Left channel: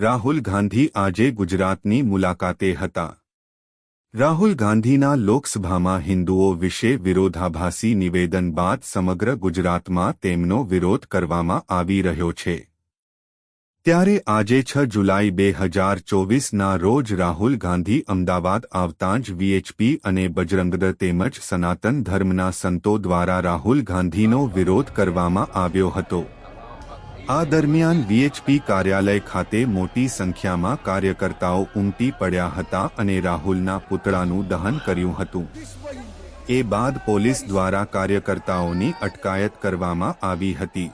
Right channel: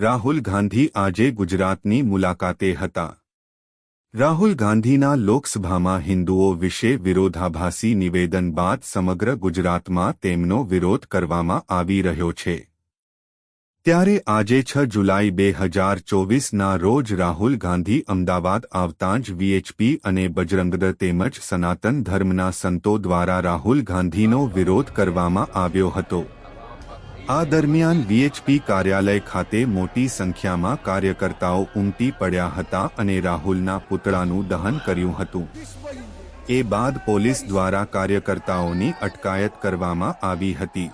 રાહુલ ગાંધી આજે ગુજરાતની મુલાકાતે હતા. રાહુલ ગાંધીના લોકસભામાં હિન્દુઓ વિશે વિરોધાભાસી નિવેદન બાદ સમગ્ર ગુજરાતમાં તેમનો વિરોધ કરવામાં આવી રહ્યો છે. ત્યારે આજે છ જુલાઈ બે હજાર ચોવીસના રોજ રાહુલ ગાંધી અમદાવાદ આવતાં જ વીએચપી અને બજરંગદળ તેમજ સનાતન ધર્મના સંતો દ્વારા રાહુલ ગાંધીનો વિરોધ કરવામાં આવ્યો હતો. આ દરમિયાન વીએચપી કાર્યાલય ખાતે મોટી સંખ્યામાં કાર્યકર્તાઓ ઉમટી પડ્યા હતા અને રાહુલના પુતળાનું દહન કર્યું હતું એ બાદ પોલીસ દ્વારા કાર્યકર્તાઓની અટકાયત કરવામાં આવી હતી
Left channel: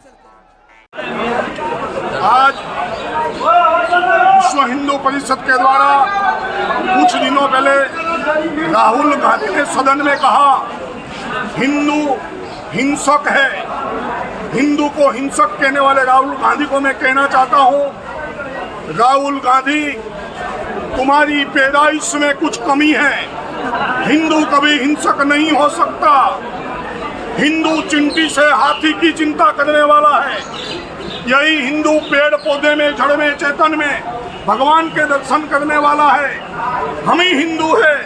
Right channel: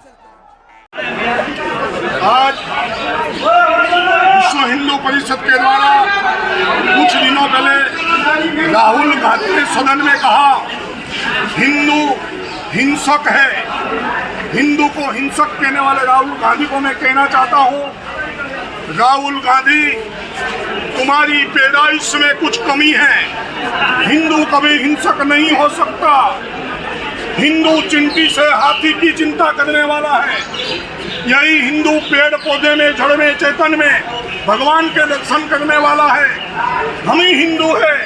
आज विश्व हिंदू परिषद के द्वारा कुछ दिनों पहले राहुल गांधी ने सदन में कहा हिंदू हिंसक है हिंदू को हिंसक कहने वाले राहुल गांधी को मैं कहना चाहता हूँ, राहुल गांधी, तुम्हारी पैदाइश में कुछ कमी है। हिंदू कभी हिंसक नहीं हो सकता। हिंदू चिंटी से हाथी की चिंता करने वाला है। यही हिंदू पेड़ पौधे में, जड़ में, चेतन में भगवान के दर्शन करने वाला है। हम ही हिंदू है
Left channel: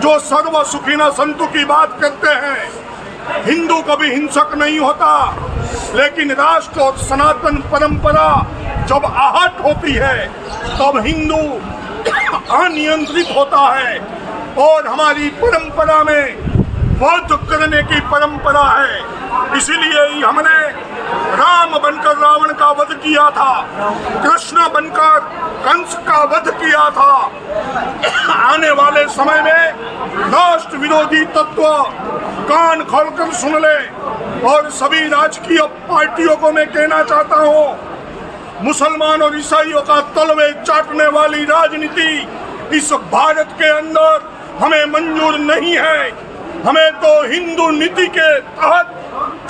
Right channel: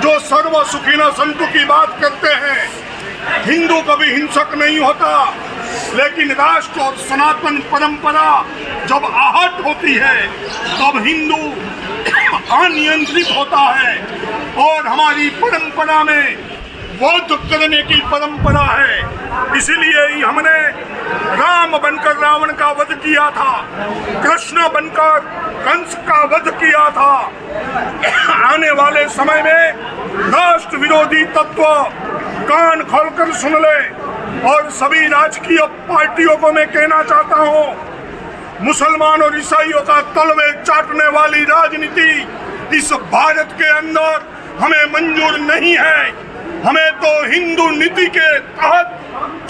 जो सर्व सुखीना संतु की बात करते हैं। हिंदू कभी हिंसक नहीं होता। लेकिन राष्ट्र और सनातन परंपरा जब आहट होती है, तब हिंदू अनियंत्रित होता है। और हमारी परंपरा में वध करने की परंपरा है। इसीलिए ही हमने राम बनकर रावण का वध किया था, कृष्ण बनकर कंस का वध किया था। आने वाले समय में राष्ट्र विरोधी तत्व कान खोलकर सुन ले। और सभी राजकीय पार्टियों को मैं कहना चाहता हूँ, मुसलमान और ईसाइयों का तलवे चाटने वाली राजनीति इस भारत के अंदर हमें मंजूर नहीं है। हमें तो हिंदू नीति के तहत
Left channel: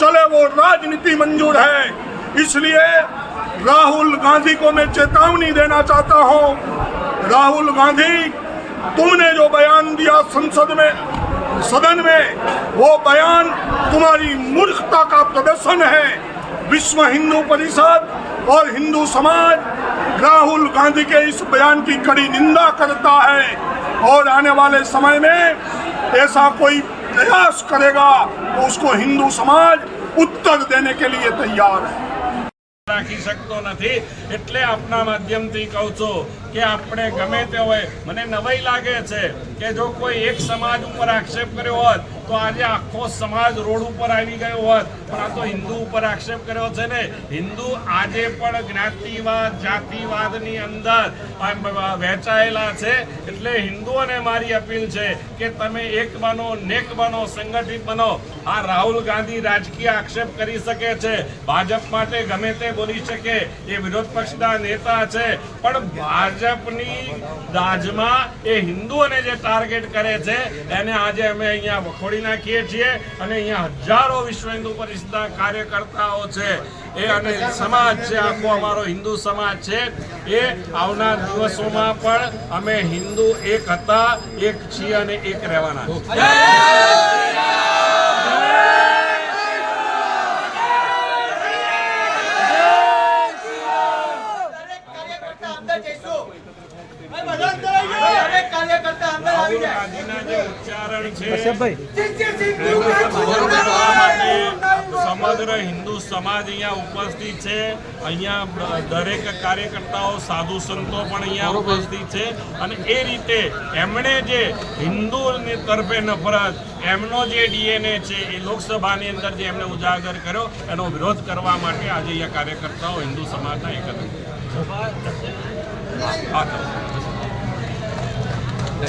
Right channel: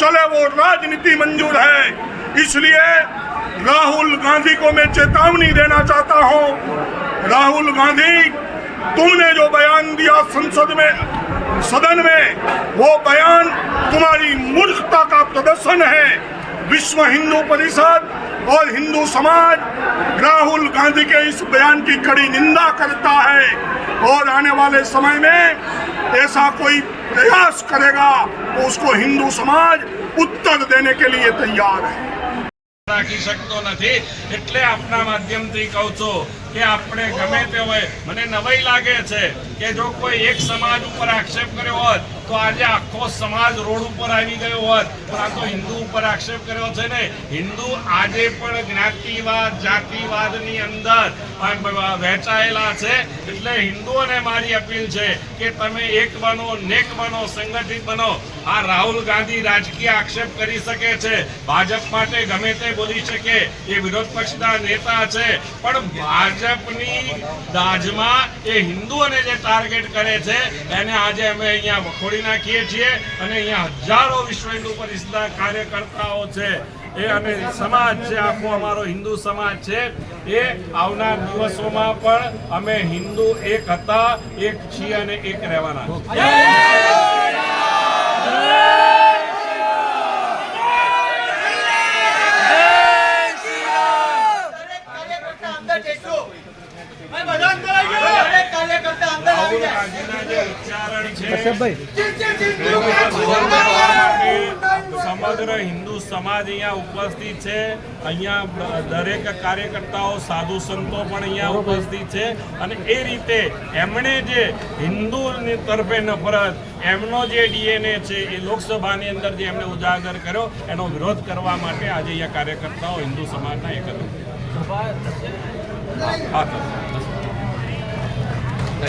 चले वो राजनीति मंजूर है। इसलिए राहुल गांधी को मैं चेतावनी देना चाहता हूँ, राहुल गांधी, तुमने जो बयान दिया संसद में सदन में वो बयान तुम्हारी मूर्खता का प्रदर्शन है विश्व हिंदू परिषद और हिंदू समाज राहुल गांधी के इस बयान की कड़ी निंदा करता है और आने वाले समय में ऐसा कोई प्रयास करेगा तो उसको हिंदू समाज उत्तर देने के लिए तैयार है રાખી શકતો નથી એટલે આપના માધ્યમથી કહું છું કે આપણે ગમે તે હોય. મને નવાઈ લાગે છે કે જો કોઈ એક સમાજ ઉપર આક્ષેપ કર્યો હોત, તો આજે આખો સમાજ રોડ ઉપર આવી ગયો હોત. પણ આ તો હિન્દુ ઉપર આક્ષેપ કર્યો છે ને. હિન્દુ આજે પણ જ્ઞાતિવાદ, જાતિવાદની અંદર વહેંચાયેલા છે. એટલે હિન્દુઓને મારી અપીલ છે કે તમે એક બનો, નેક બનો, સંગઠિત બનો. આ રાહુલ ગાંધી રાજકીય આક્ષેપ કરી શકે છે. ભાજપ માટે ગમે તે બોલી શકે. એ વિરોધ પક્ષના નેતા છે. પણ ભાજપની દાજમાં એ હિન્દુઓને જે ટાર્ગેટ કરે છે, એને આજે અમે અહીંયા વખોડી નાખીએ છીએ અને અહીંયા હજારો વિશ્વ હિન્દુ પરિષદના કાર્યકર્તાઓ છે. એ અને સમાજ છે, આખો અમારો હિન્દુ સમાજ છે. એ આવનાર દિવસોમાં પણ અમે હિન્દુ એક હતા, એક છીએ અને એક રહેવાના છીએ. દરેક કાર્યકર્તા અંદર જશો. દરેક કાર્યકર્તા અંદર આવી રાહુલ જાય. ગાંધીના જે ઉચ્ચારણ છે તેને કરવા માટે સમગ્ર હિન્દુ સમાજ અહીંયા ઉપસ્થિત છે. અહીંયા દરેક કાર્યકર્તાઓ સાધુ સંતો પણ અહીંયા ઉપસ્થિત છે. અને એ રીતે એમણે જે હિન્દુની તરફે નફરત એમનો જે ડીએનએ છે એ લોકસભાની અંદર જે એમણે ઉજાગર કર્યો એનો વિરોધ કરવા માટે આજે અહીંયા કાર્યકર્તાઓ હિન્દુ સમાજના એકત્ર હતું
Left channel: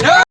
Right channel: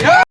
હા